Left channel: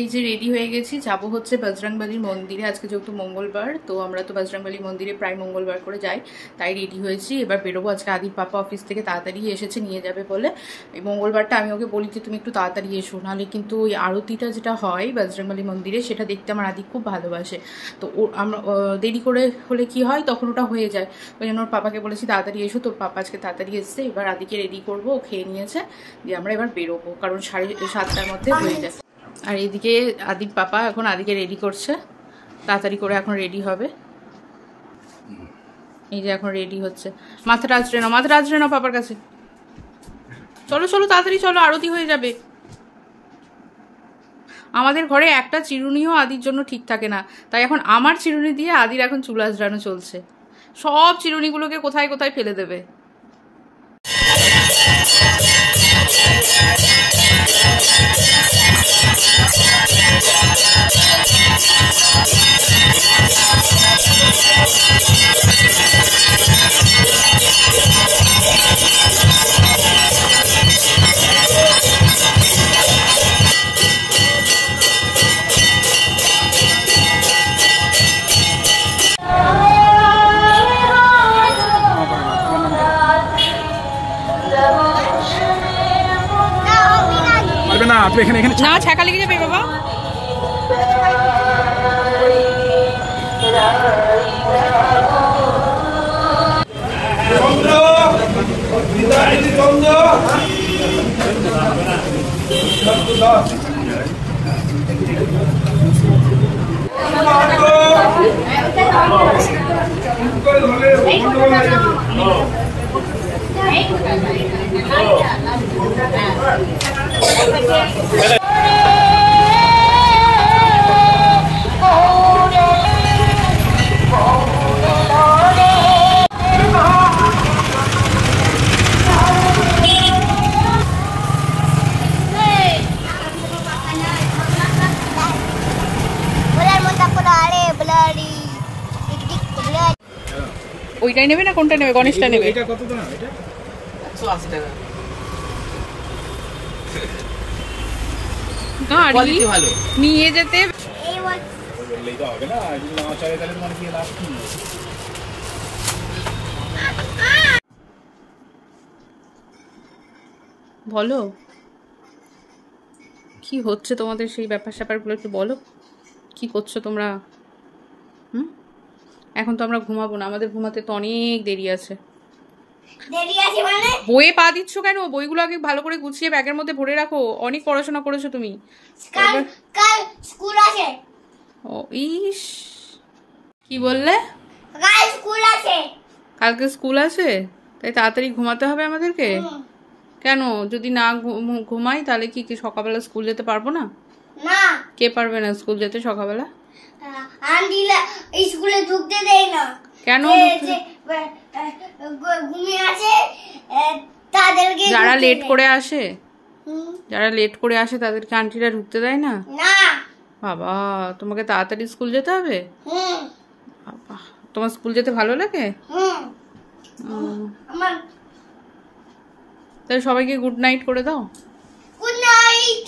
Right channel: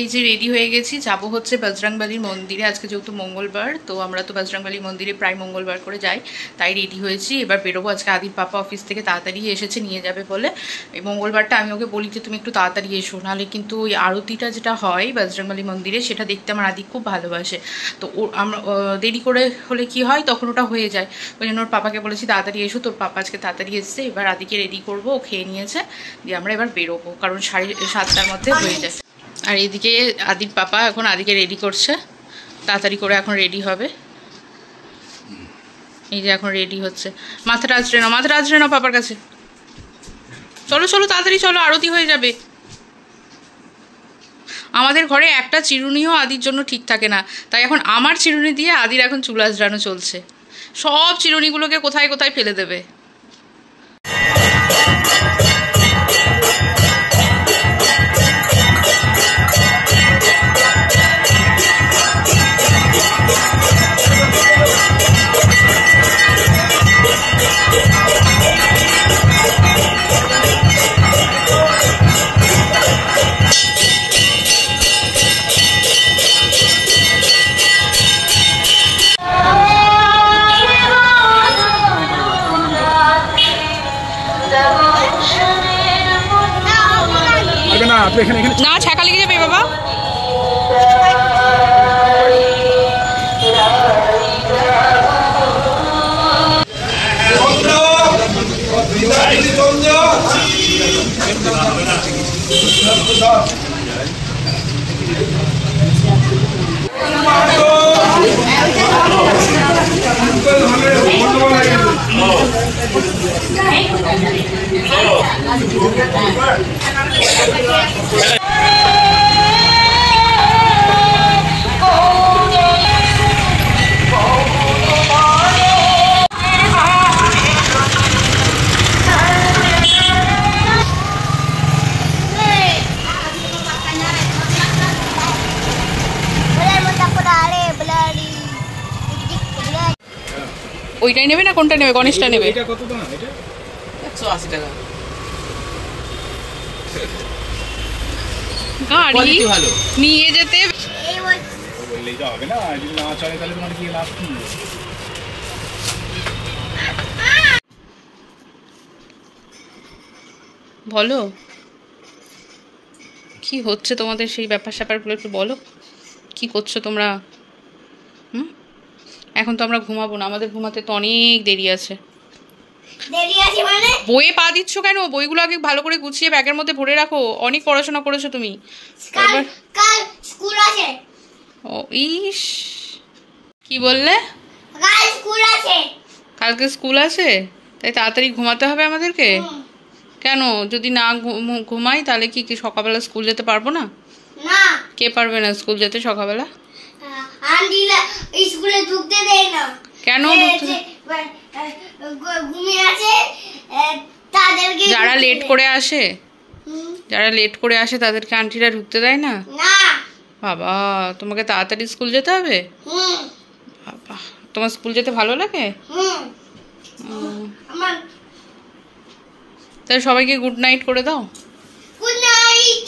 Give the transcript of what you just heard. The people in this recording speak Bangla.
এই যে রেডি হয়ে গেছি, যাব হচ্ছে বজরংবলীর মন্দিরে। আজকে যেহেতু মঙ্গলবার, তো আমরা তো বজরংবলী মন্দিরে প্রায় মঙ্গলবার করে যাই, তাই রেডি হয়েছি। এবার বেরোবো। আজকে আদির পাপা অফিস থেকে তাড়াতাড়ি এসেছে, নিয়ে যাবে বলে। এই মঙ্গলবারটা আমি ওকে বলি যে তুমি একটু তাড়াতাড়ি এসো, নাহলে কিন্তু ওই আরতিটা যেটা হয় বজরংবলী মন্দিরে সেটা দেখতে আমার আদি খুব ভালোবাসে। তো আমরা দেরি করে হলে কি হয়, তখন ওটা হয়ে যায়। ওই জন্য ওর পাপাকে বলেছি তাড়াতাড়ি এসো। তোর পাপা আজকে তাড়াতাড়ি এসছে। এবার আদিকে রেডি করবো, ও খেয়ে নিয়েছে, দিয়ে আমরা এবার বেরোবো, কারণ 7:30টার মধ্যে হয়ে যায়। আর এদিকে আদির পাপা এখন আদিকে রেডি করছে, তাড়াতাড়ি করে এখন রেডি হবে। এই যে এখন রেডি হচ্ছে। মাথাটা আঁচড়ে নাও, মাথাটা আঁচড়ে নাও পাপার কাছে। চলো চলো তাড়াতাড়ি চলো, আরতি হয়ে যাবে। আমাদের ঘরে একটা চিরুনিও আদির জন্য ঠিক থাকে না, তাই এখন আমার চিরুনি দিয়ে আদির এখন চুল আঁচড়ানো চলছে। সব চিরুনিগুলোকে কোথায় কোথায় ফেলে দেবে। না ছ্যাঁকা লেগে যাবে বাবা। ওইটাই নেবে না কোনটা নেবে? গণেশটা নেবে। এটা কত দাম? এটা 180 টাকা। গাড়ি নিয়ে যেতে বললেই তো হবে না, যদি না চলে তাহলে তোমার কি লাভ কি? বলো কি হচ্ছে তোমাদের, সেই ব্যাপার স্যাপারগুলো একটু বলো। কি করছো তোমরা? এখন তো আমরা ঘুমাবো না, আমাদের ঘুমাতে তো অনেক দেরি আছে। বইয়ে পা দিচ্ছ কেন? বইগুলো আগে ভালো করে গুছিয়ে ব্যাগের মধ্যে ভরে রাখো। অনেক পড়াশোনা করেছো তুমি। কাল স্কুল আছে। ও ইস, কি বললে? কাল স্কুল আছে। কালকে স্কুল আছে, তাই তাড়াতাড়ি ঘুমাতে হবে আমাদেরকে? কেন, যদি না ঘুমাই তাহলে কি সকালবেলা স্কুল যেতে পারবো না? না। কে পারবে না স্কুল যেতে সকালবেলা? আন্টিরা স্কুলে ঢুকতে দেয় না। কেন? ঘুমিয়ে আছে তাদেরকে। যারা লেট করে আসে, যারা লেট করে আসে তাদেরকে আন্টিরা ঢুকতে দেয় না? না। বাবা, তোমাকে তাড়াতাড়ি স্কুল যেতে হবে? বাবা, তোমার স্কুল যেতে ভালো লাগে? তাহলে সবাইকে গুড নাইট করে দাও। Good night.